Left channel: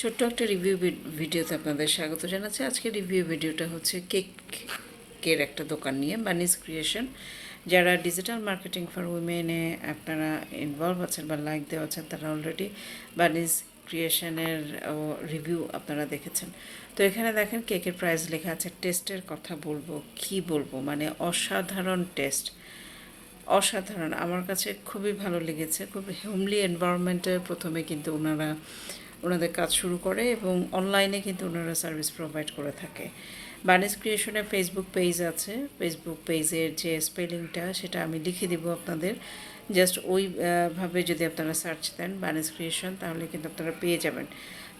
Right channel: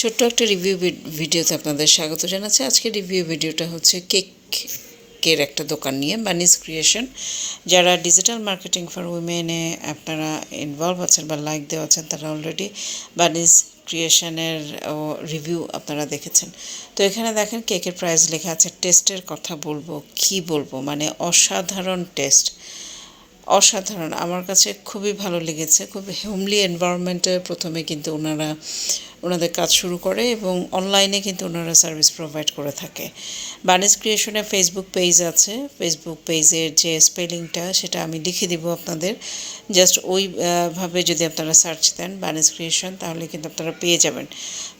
ছোট্ট একটা রিভিউ ভিডিওতে আপনাদের স্বাগত জানাচ্ছি। আজকের রিভিউ ভিডিওটা হচ্ছে কেক কের একটা দোকান নিয়ে বানিস ক্রিয়েশন যারা ডিজিটাল মার্কেটিং ফর উইমেনে আপনারা ইনভলভ আছেন বা লাইক দেওয়া আছেন, তারা অলরেডি বানিস ক্রিয়েশনের রিভিউ আপনারা দেখেছেন। তো এখানে দেখেন, কেকের প্রাইস লেখা আছে টেস্টের কথা বলব, কি বলব? মানে অসাধারণ টেস্ট অসাধারণ। আমার কাছে খুবই ভালো লেগেছে খুব হোমলি এনভায়রনমেন্টে প্রথমে কিন্তু ওনারা ওনাদের কাজ শুরু করে এবং অনলাইনে কিন্তু ওনারা সার্ভিস প্রোভাইড করে থাকে। বানিস ক্রিয়েশনের ফেসবুক পেজ আছে। ফেসবুক পেজের যে স্পেলিংটা সেটা আমি লিখে দিব আপনাদের। জাস্ট ওইভাবে যদি আপনারা সার্চ দেন বানিস ক্রিয়েশন তাহলে কিন্তু আপনারা পেয়ে যাবেন।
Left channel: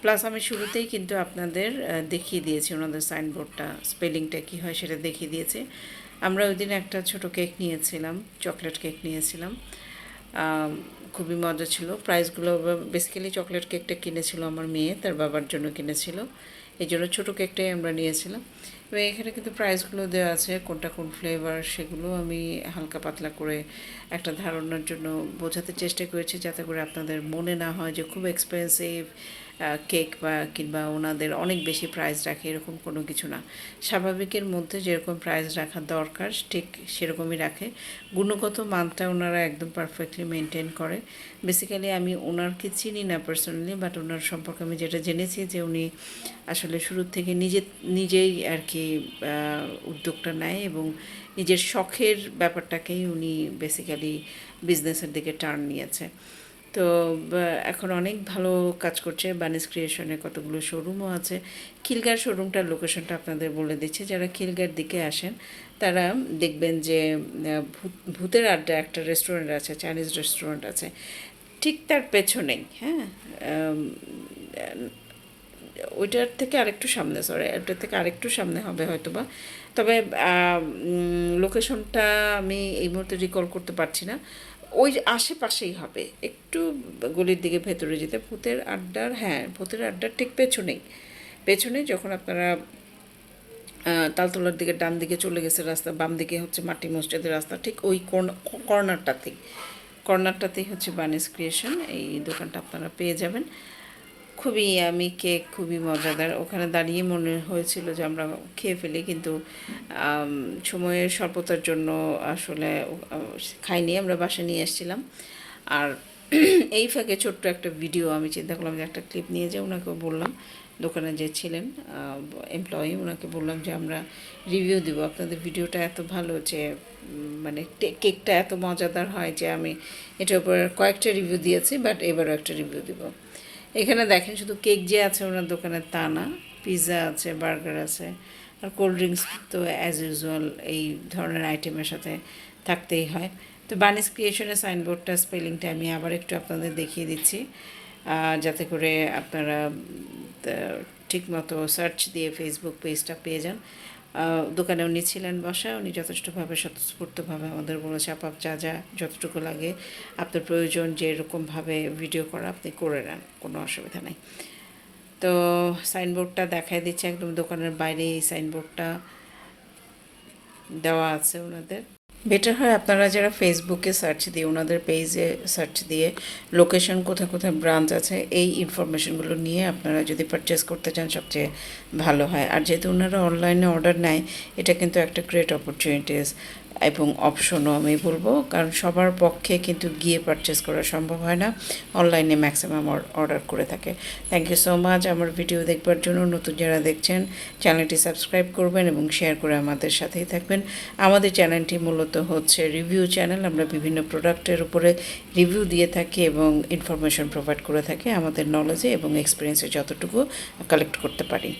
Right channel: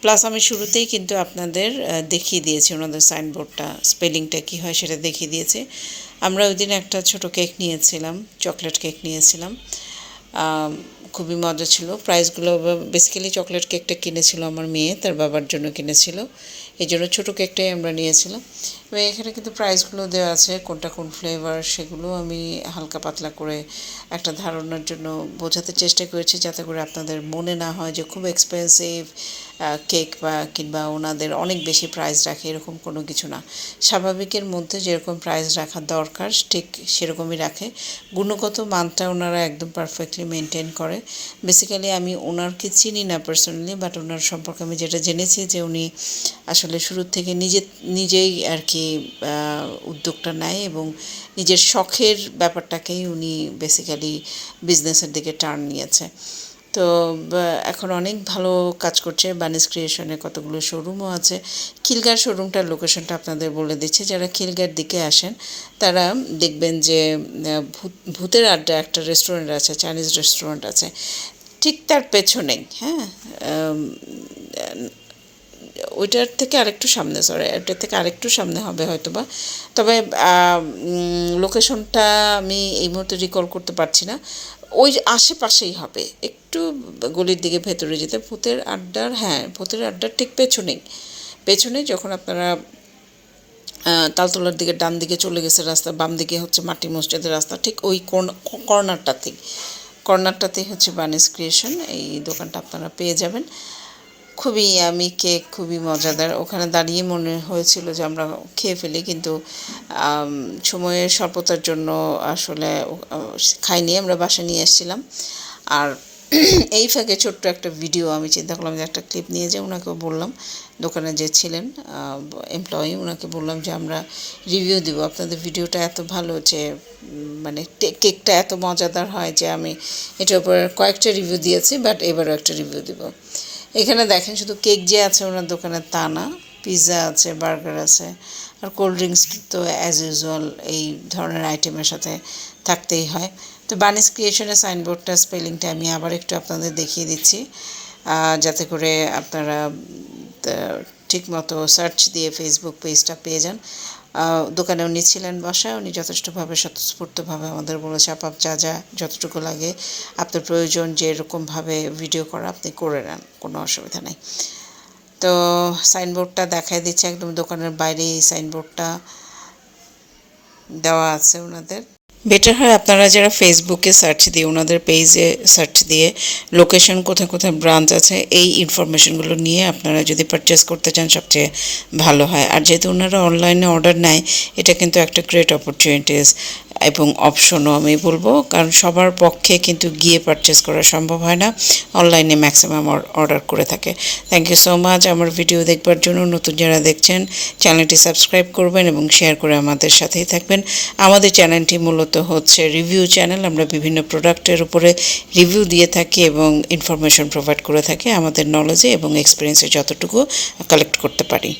প্লাস আমি শুরুতেই কিন্তু আপনাদের দেখিয়ে দিয়েছি ওনাদের সাইনবোর্ডটা স্পেলিংটা কী হয় সেটা দেখিয়ে দিয়েছি। আমরা ওই দিন একটা ছোট কেক নিয়েছিলাম চকলেট কেক নিয়েছিলাম। খুবই মজা ছিল। প্রাইসগুলো বেসিক্যালি চকলেট কেকটা কিনেছিল আমার মেয়ে, তার বাবার জন্য কিনেছিল। এই জন্য ছোটো কেকটাই আমরা নিয়েছিলাম। এবং এখানে কিন্তু প্রাইসগুলো দেওয়া আছে, কোনটা কোন ফ্লেভার সেগুলো আমি হালকা পাতলা করে একটা ধারণার জন্য বোঝাতে চেষ্টা করেছি, যাতে করে আপনাদের মনে না হয় যে খুব এক্সপেন্সিভ কেক বা কিংবা ওনাদের অনেক বেশি প্রাইস রাখে, এরকম কোনো কিছু না। স্বাভাবিকের মধ্যে যেরকম প্রাইস রাখা দরকার, ঠিক সেরকমই রাখে। গুণগত মানটা ওনারা একদম পারফেক্টলি মেনটেন করে। বেসিক্যালি আমি ওনারকে চিনি না পার্সোনালি বাট ওনার সম্পর্কে আমি যেটা জেনেছি যে উনি আসলে শুরুর থেকে নিজে, নিজেই আর কি উদ্যোগটা নেয় এবং নিজের শখের ব্যাপারটাকেই উনি বেসিক্যালি বিজনেসের দিকে টার্ন নিয়েছে। তো এখন অনেক ভালো কাজ করছে। বানিস ক্রিয়েশনে কতগুলো শোরুমও আছে। খিলগার শোরুমটার লোকেশনটা আপনাদের বলে দিচ্ছি। যারা খিলগার দিকে আসেন, তারা দেখবেন যে ভূতের আড্ডা একটা রেস্টুরেন্ট আছে চাইনিজ রেস্টুরেন্ট আছে। ঠিক তার পেছনেই হ্যাঁ? ওইটার থেকে আরেকটু সামনে সরি ওইটার থেকে আরেকটু সামনে হবে হয়তো বা তবে লোকেশনটা আমি এই মুহূর্তে রিকল করতে পারছি না। ওই আশেপাশেই হবে। একটু গলির দিকে ভেতরে যেতে, ভূতের আড্ডার হ্যাঁ ভূতের আড্ডার ঠিক পেছনেই। পেছনে যখন আপনারা তালতলার দিকে, ডান দিকে চলে গেছে রাস্তা, বাম দিকে হচ্ছে মাটি মসজিদের রাস্তা, ঠিক ওই কর্নারটাতেই। কর্নারটাতেই হচ্ছে বানিস ক্রিয়েশন এই দোকানটা আপনারা পেয়ে যাবেন। খুবই, আমি কেক খুবই মজাদার। ওখানে দাঁড়িয়ে মনে হয়েছিল যে আমরা খেয়ে ফেলি, কিন্তু সময়ের স্বল্পতার জন্য আসলে খাইনি, আমরা বাসা নিয়ে এসেছিলাম। আর এই ফাঁকে ছোট্ট একটা ভিডিও আমি চিন্তা করলাম যে একটা ক্লিপ নিয়ে যে ওনাকেও বললাম। দোকানে যে ছিলেন এমপ্লয়ি ওনাকে বললাম যে আমরা রিভিউ দিব। আপনাদের ভিডিওটা এত ভালো যে মানে কেকটা এত মজাদার হয় যে আমি এটার উপর কয়েকটা রিভিউ দিয়েছি বাট এবারও একটা রিভিউ দিব। এখানে দেখেন শুধু কেক যে আছে ওনার দোকানে তা না পিৎজা আছে বার্গার আছে, আর কোল্ড ড্রিঙ্কস তো অ্যাজ ইউজুয়াল এই ধরনের আইটেমের সাথে থাকতেই হয়। তো বানিস ক্রিয়েশনের সাইনবোর্ডটা স্পেলিংটা আমি আবার একটু আপনাদের দেখিয়ে দিচ্ছি যাতে করে আপনারা ঠিকমতো সার্চ দিয়ে ফেসবুক পেজটা পেয়ে যান। দোকানে উনি ছিলেন বসা উনি যথেষ্টভাবে স্বতঃস্ফূর্তভাবে আমাদের বলেছে আপাপ যা যা যতটুকু লাগে আপনার প্রয়োজন যে এরকমভাবে ভিডিও করা আপনি করে নেন, কোনো অসুবিধা নেই। তো সাইনবোর্ডটা দেখাই দিচ্ছে, একদম দোকানের বাইরে এই সাইনবোর্ডটা দেওয়া আছে ওনাদের। বেটার হয় আপনারা যারা ফেসবুকে সার্চ দিয়ে, ওনাদের পেজে সার্চ দিয়ে লোকেশন কোথায় কোথায় ব্রাঞ্চ আছে, এই ইনফরমেশনগুলো নিয়ে আপনারা যদি পারচেস করতে চান, সবচেয়ে ভালো হয়। আর যেহেতু ওনারা অনলাইনে অর্ডার নেয়, এটা কিন্তু একটা গ্রেট অপরচুনিটিস এবং অপশনও আমি বলব, কারণ সবার পক্ষে কিন্তু গিয়ে পারচেস করা সম্ভব হয় না। অনলাইনে ম্যাক্সিমাম অর্ডার করে থাকে। থ্যাংক ইউ সো মাচ আমার ভিডিও দেখবার জন্য নতুন যারা দেখছেন চ্যানেলটি সাবস্ক্রাইব করবেন এবং শেয়ার করে আমাদের সাথেই থাকবেন। আমাদের চ্যানেলটি মূলত হচ্ছে রিভিউ চ্যানেল আমরা বিভিন্ন প্রোডাক্টের উপরে রিভিউ দিয়ে থাকি এবং ইনফরমেশন প্রোভাইড করে থাকি। আমাদের নলেজে এবং এক্সপিরিয়েন্সে যতটুকু কালেক্ট করতে পারি।